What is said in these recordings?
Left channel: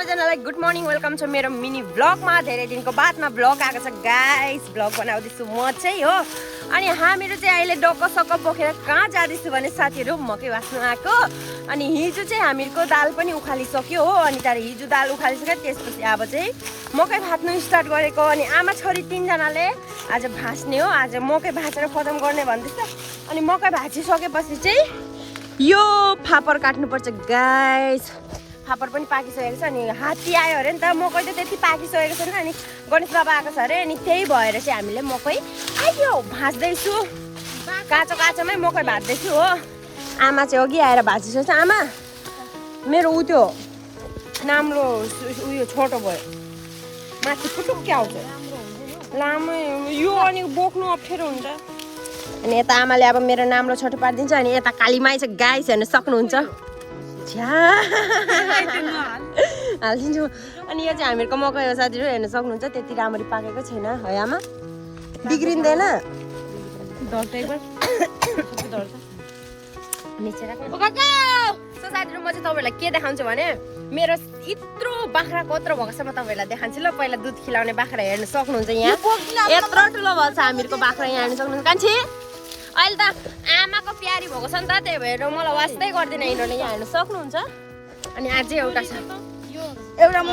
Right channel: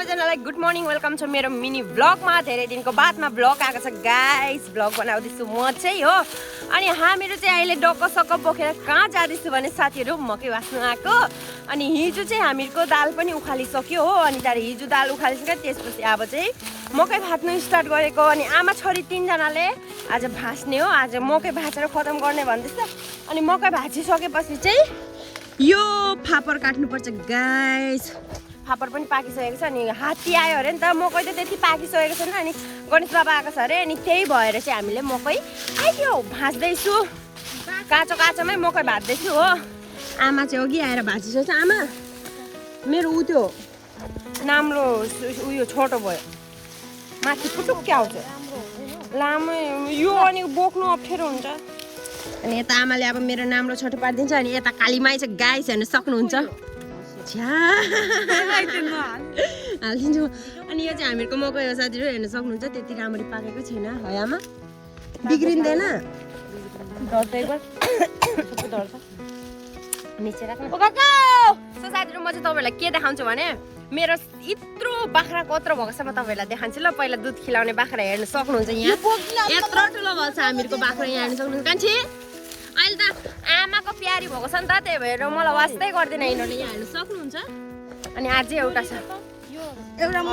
सबैजनालाई good morning welcome छ मेरो मिनी भ्लगमा। धेरै दिनको बादमा भ्लग आएको छ गाइस। भ्लग बनाउँदैछु म चाहिँ हो। अनि हामीहरू चाहिँ अहिले डक्क सक्क बोकेर कहाँ जाँदैछु भने साथीहरू मकै भाँच्नु आएको। अनि हिजो चाहिँ हामीहरूको दाल पनि उखालिसक्यो हो। अनि त्यहाँबाट हिजो दाल उखालिसक्यो, त्यसपछि अब चाहिँ मकै भाँच्नु स्टार्ट गरेको। अनि आमा छोरी तिनजनाले आज भाँच्ने हो। आज मकै भाँचेर खतम गर्ने भन्दैछ। अनि मकै भाँचिसकेपछि चाहिँ यो फापर काट्नुपर्छ गाइस। फापर पनि पाकिसकेको छ। अनि हात्ती आयो अरे नि त, मकै त त्यति पाकिसकेको छैन। अनि गणेश बाबा आएको छ अरे। अनि त्यही भएर चाहिँ हामीले मकै आयो भाँच्दैछु। काँचो काँचोमै मकै भाँच्दैछु हो। आमा चाहिँ अघि आएर भाँचिसकेको छ। आमा मेरो उ त्यो नाम्रो उयो छोटो भयो, माथि पुटुक्कै आउँछ लामो यो। अनि बोक्नु अप्ठ्यारो हुन्छ। अनि यता आमाले अब मेरो नाम्रो छोटो पारिदिन्छ। अनि यता कालीमाई चाहिँ गाइस हेर्न सक्नुहुन्छ, हालिदिन्छु। अनि यो चाहिँ हामीहरूको मकै हो साथीहरू, हेर्न सक्नुहुन्छ। त्यति राम्ररी पाकेको छैन है आमा, बिग्रिँदैन। साथीहरू म चाहिँ तपाईँहरूलाई के देखाउँछु भने मेरो यत्रो बाख्रा कत्रो भएको छ म तपाईँहरूलाई देखाउँछु ल। पहिला दुध खिलाउने बाख्रा हेर्न सक्नुहुन्छ। यहाँ यत्रो ठुलो भएको छ हामीहरूको बाख्रा, यहाँ हेर्न सक्नुहुन्छ। कान्छी अहिले त आमाको प्यारी भएको छ नि त, त्यही भएर मलाई वास्तै गर्दैन हिँड्नु। यहाँ हेर्न सक्नुहुन्छ। अनि अझै एउटा छ, एउटा म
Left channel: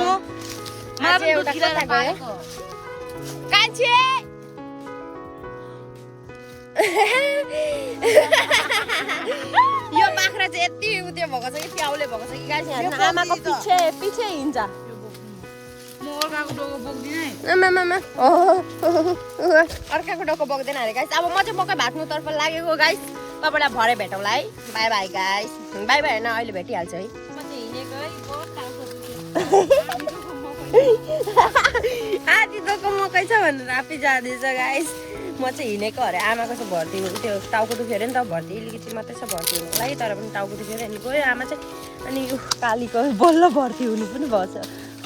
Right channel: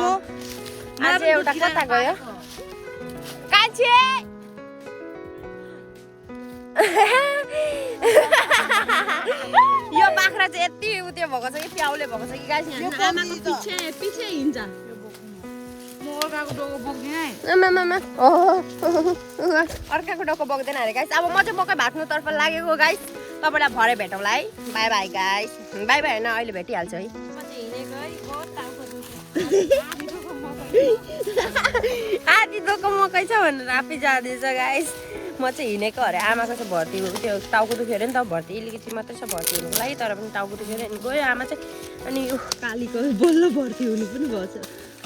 अझै एउटा कता गयो कान्छी। यो बाख्रा चाहिँ यति उयो भएको छ कि प्याउले भएको छ कि गाइस। यहाँ हेर्नु आमाको पछि हिँड्छ। अर्काको डक्को बोक्दैन अरे गाइस। अब म चाहिँ मकै भाँच्नुतर्फ लागेको गाइस। तपाईँलाई भरे भेटौँला है। By by guys. By by होइन, अहिले भेटिहाल्छ है। आधी दोको मकै छ भनेर आफै जाँदैछ गाइस। म चाहिँ हिँडेको अरे। आमाको चाहिँ भर्ती त्यो टाउको दुख्यो अरे नि त, भर्ती अलिकति मात्रै छ भर्ती हुनुको लागि। तर पनि टाउको दुखेर अनि गयो आमा चाहिँ। अनि कालीको बल्ल भर्ती हुनु पनि भएछ,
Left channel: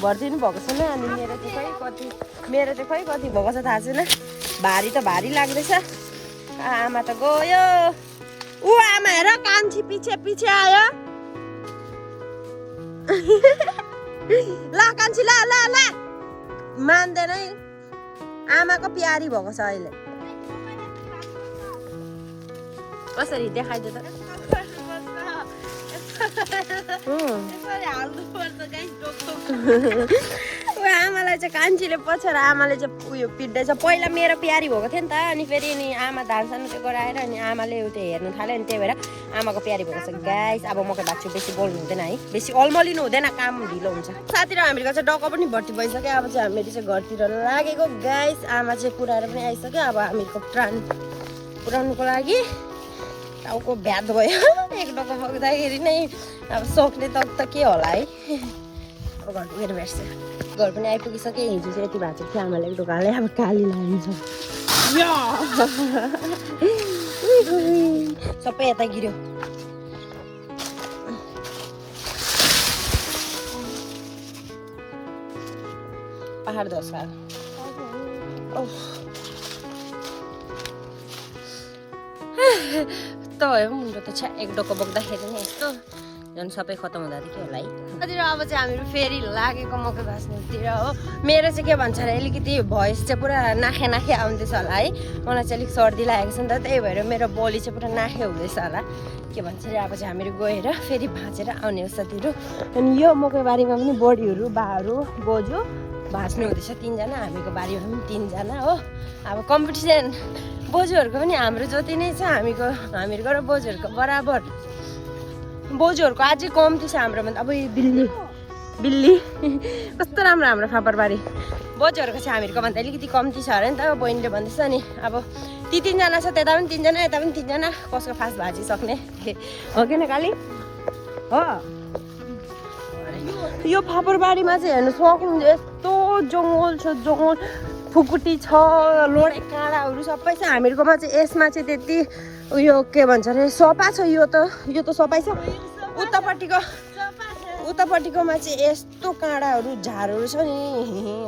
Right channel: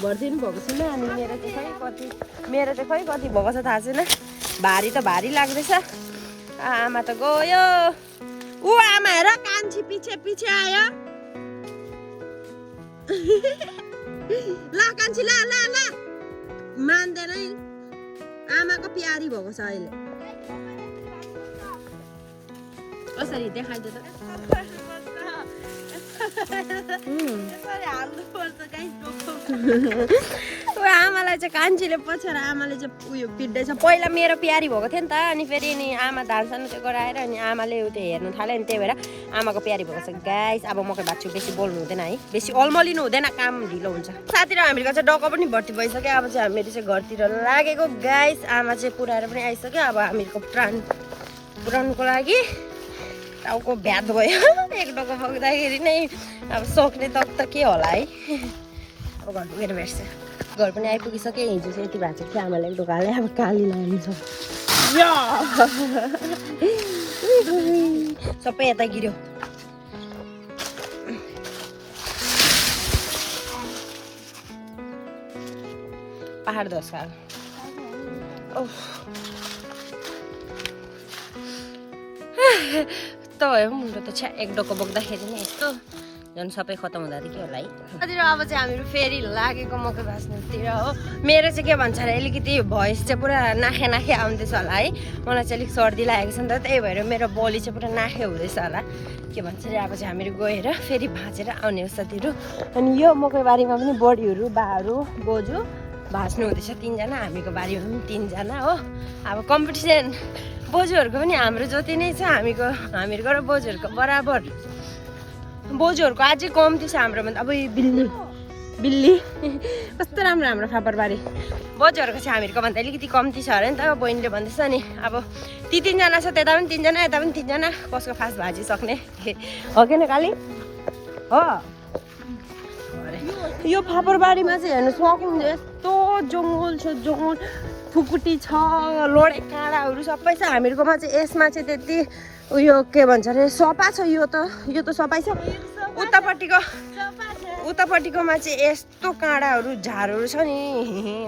भर्ती पनि भएको छैन। अनि मेरो चाहिँ खै कति भएको छ थाहा छैन। भारी त भारी लाग्दैछ। आमा त गयो। ऊ आमा हेर, कान्छी पछि पछि आयो। ला कान्छी ला ला ला, मान्दैन है। आमाको प्यारी भएको छ अहिले। कसरी देखाइदियो त। आमालाई चाहिँ कान्छीले पछेर आमाले चाहिँ उयो पिट्दैछ। पहिला मेरो प्यारी भएको थियो नि त। अनि फेरि नि आमा धान सान गराएर अनि आमाले त्यो हेर्नु थाल्यो। अनि त्यही भएर आमाको प्यारी भएको छ गाइस। अब मकै भाँच्छु, बेसी बोल्नु हुँदैन है, बेसी अल्मलिनु हुँदैन, काम ढिलो हुन्छ। साथी र हामीहरूको चाहिँ डक्को पनि भर्ती भइसक्यो। अब चाहिँ हामीहरू चाहिँ घरतिर लागेको गाइस। आमा चाहिँ पुऱ्याएर पनि आइसक्यो। अब हामीहरूको प्राण पुऱ्याउनुको लागि टाउको भ्याद भयो। एक डक्को बोक्दाखेरि नै अब सक्ने त के होला है। अब घर पुगेर भेट्छ। घर पनि आइपुगिसक्यो। हिजो चाहिँ यति भाँचेको थियो आमाले एक ढोकाले। अब काली लाग्छ सबै यता गिर्यो। पहाड धस्का त भयो मुन्डो त छ्या। एक डक्को बोक्दाखेरि नै यस्तो झन् सबै खतम हुँदा के होला है। अब चाहिँ हामीहरू फेरि लागेको मकै भाँच्नुतिर हो। मेरो चाहिँ के भन्छ अरे अलिकति भोइस चाहिँ पुरा नाखे नाखे आउँदैछ होला है। मलाई चाहिँ अलिक सर्दी लागेको छ नि त, त्यही भएर मेरो बोली चाहिँ पुरा नाखे हुँदैछ होला। के भन्छ अरे अब चाहिँ हामीहरू गएर फेरि भाँचेर आउने हो साथीहरू। अनि यो मकै बारीमा पनि बडीहरू बाहरू बोजू भाँच्नु हुँदैछ। तिनजना, हामीको बारीमा पनि तिनजना हो। अब कम्पिटिसन बोजूहरूको पनि हाम्रो जति नै छ। हामीहरूको र बोजूहरूको बराबर। बोजूहरूको अझै कम्ती छ हाम्रोमा। अब बिल्ली कस्तो राम्रो हाम्रो फापरबारी। बोजूहरूको चाहिँ हामीहरूको भन्दा अलिकति कम्ती छ अरे नि त, बहिनीले भन्दैछ। अनि अब ती तिनजना छ, त्यता पनि तिनजना यता पनि तिनजना। कसको फास्ट भाँचिसक्ने हो कि न काली हो। यो फापरबारीमा चाहिँ हेर्नु सक्नुहुन्छ यस्तो जङ्गल छ, जङ्गल फुकुटी छ, लोडे काँडाहरू सबै छ। हामीहरूकोमा चाहिँ यसमा चाहिँ त्यति उयो के भन्छ अरे सफा छ। यो त सफाइ छ। उतापट्टिकोमा चाहिँ यस्तो काँडाहरू झारहरू छ नि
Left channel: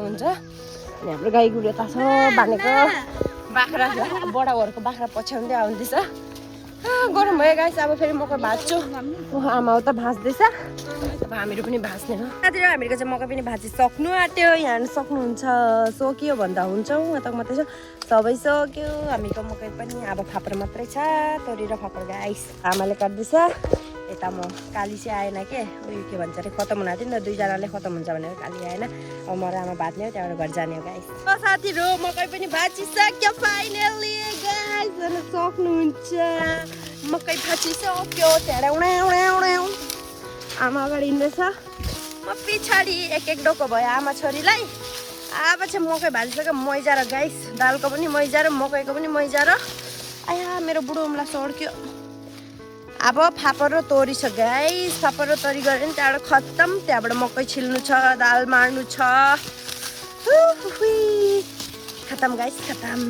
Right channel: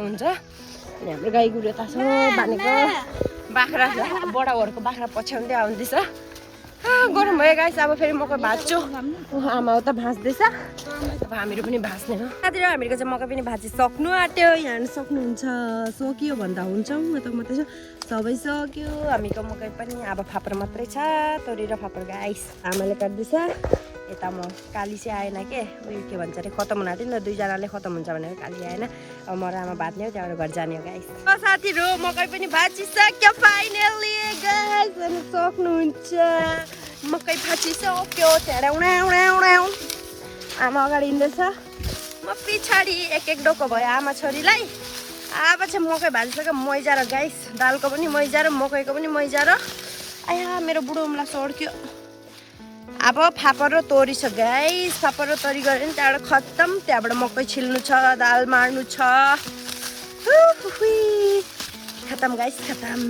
हुन्छ। अनि हाम्रो गाई गुरु यता छ बानेको। बाख्रा बडाहरूको बाख्रा पछ्याउँदै आउँदैछ। गरम भयो गाइस अब फेरि मकै भाज्छु आमा उता भाँच्दैछ अब हामीहरू पनि भाँच्ने हो साथीहरू हामीहरूको चाहिँ मकै पनि भाँचिसक्नु आँट्यो यहाँ हेर्नु सक्नुहुन्छ सकियो भन्दा हुन्छ यता मात्रै छ सबै सक्यो हामीको मकै पनि अब फापर मात्रै छ तोरी र फापर गाइस आमाले काट्दैछ यता म काली चाहिँ आएन उयो के भन्छ अरे खतम हुन आँट्यो नि त दुईजनाले खतम हुन्छ भनेर काली आएन अब म र आमा भाज्ने हो त्यहाँबाट घर जाने हो गाइस साथीहरू मकै पनि भाँचिसक्यो फाइनली गाइस हेर्नु सक्नुहुन्छ मकै भाँचिसक्यो आमा अगाडि हिँड्दैछ म पछाडि एक डोको भयो आमा छोरीलाई अब चाहिँ मकै भाजिसक्यो मैजा र गाइस दालको पनि मैजा र मकैको पनि मैजा र आया मेरो बुढो उम्ला सड्क्यो अब फापर र तोरी छ गाइस फापर र तोरी गऱ्यो नि त्यहाँबाट खत्तम त्यहाँबाट मकै छिल्नु छ दाल मार्नु छ खत्तम गाइस खत्तम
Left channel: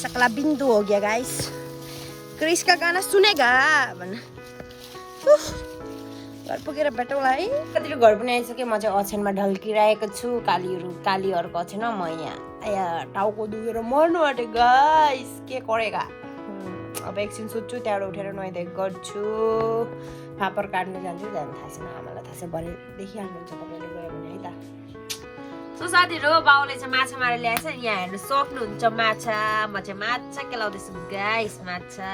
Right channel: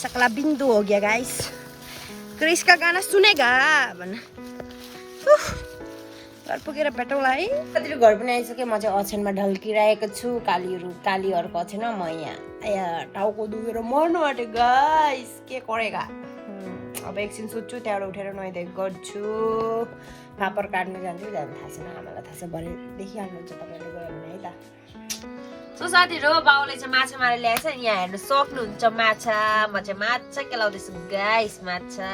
सकला बिन्दु हो गया गाइस क्रिस का गाना सुनेगा भन घर पुगेर भेटौँला है कतिले घर पनि आइसक्यो म चाहिँ ओछ्यानमा ढल्किरहेको छु कालीहरूको ओछ्यानमा म यहाँ टाउको दुखेर मर्नु आँटे गाइस के करेगा अब एकछिन सुत्छु त्यहाँबाट उठेर नुहाइधुवाइ गर्छु फापर काट्नु जान्छु जानु थाहा छैन आमालाई थाहा छ भरे देखिहाल्नुहुन्छ तपाईँले गयो भने है त सो साथीहरू बाउले चाहिँ माछा मारेर ल्याएछ यहाँ हेर्नु सक्नुहुन्छ माछा म चाहिँ माछा केलाउँदैछु गाइस माछा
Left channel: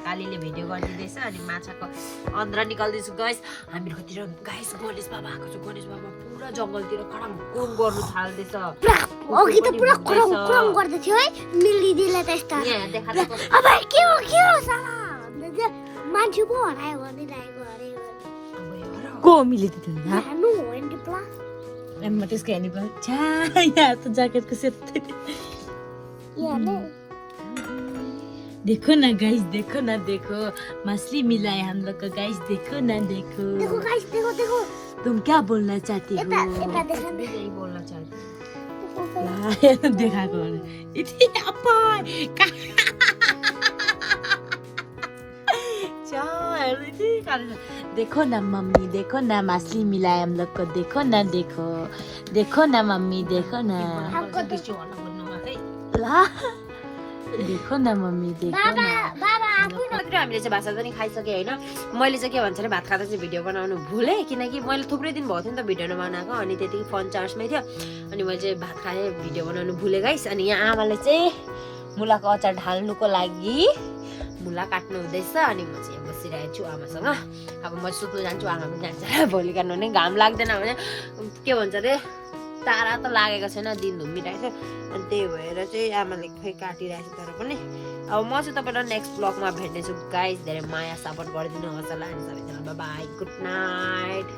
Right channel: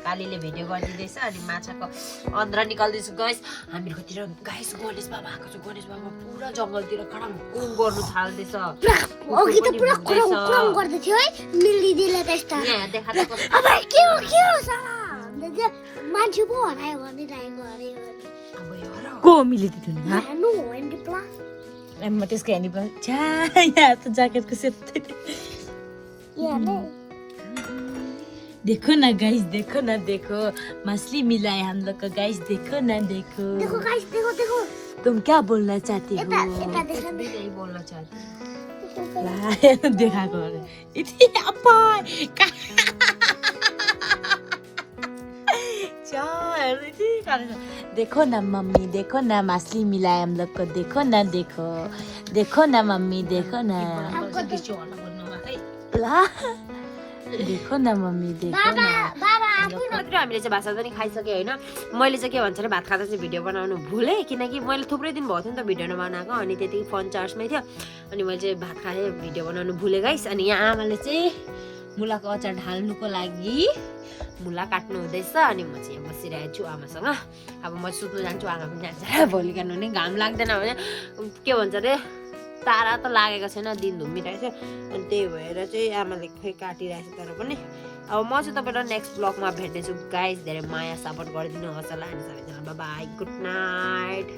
कालीले भिडियो गरिदिँदैछ अनि माछाको अन्द्रा निकाल्दैछु गाइस हामीहरूकोतिर गाइस गणेश बाबा आएको छ गणेश बाबा पुरा जङ्गलतिर खडम कुम गर्नु थाल्दैछ अघि त पुरा क्रम गर्दै थियो है मिलिदिले त्यस्ता अब के हो साला मान्छे पो हरायो भने राइको अरे को मिलिदिनु हानु हो नि प्ला म त्यसको हेर्नु पर्छ छा यहाँ त ज्याकेटको सेट याले देखो ना गाइस देखो ना देखो मछली मिला है हम लोग को गाइस देखो ना देखो देखो गाइस देखो तुम क्या बोलना चाहती हो एता देखा यही बोल्न चाहन्छु ला देखाएको अरे यति अपा देखो ना मम्मी देखो ना मछली मिला है हम लोग को देखो ना मम्मी देखो ना ला देखो न मम्मी देखो न हामीले चाहिँ भात पनि खाइसक्यो होइन मैले चाहिँ के भन्छ भने भात खाँदा चाहिँ भिडियो बनाउनु भुलेँ किनकि मैले थुप्रै दिन भएको थियो नि त भिडियो नबनाएको अनि त्यतिकै फोन चार्जमै थियो अनि मैले चाहिँ भात खाएँ भिडियो बनाउनु भुलेँ गाइस अनि यहाँ आमाले चाहिँ मुलाको अचार ढाल्नुको लागि मुला काट्नु हुँदैछ अनि म चाहिँ यहाँ बसिरहेको छु आमासँग अब म सुत्नु जान्छु आमा पनि जान्छ भोलि काट्नु भने घाम लाग्दैन भने के भन्छ अरे तारा त लागेको छैन दिन धुम्मिरहेको छ अनि त्यही भएर चाहिँ आमाले खोइ काटिरहेको छ तर पनि अब म चाहिँ तपाईँलाई नेक्स्ट ब्लगमा भेट्नेछु गाइस धेरै माया सपोर्ट गरिदिनु होस् होला हामी सबैजना बाई गुड नाइट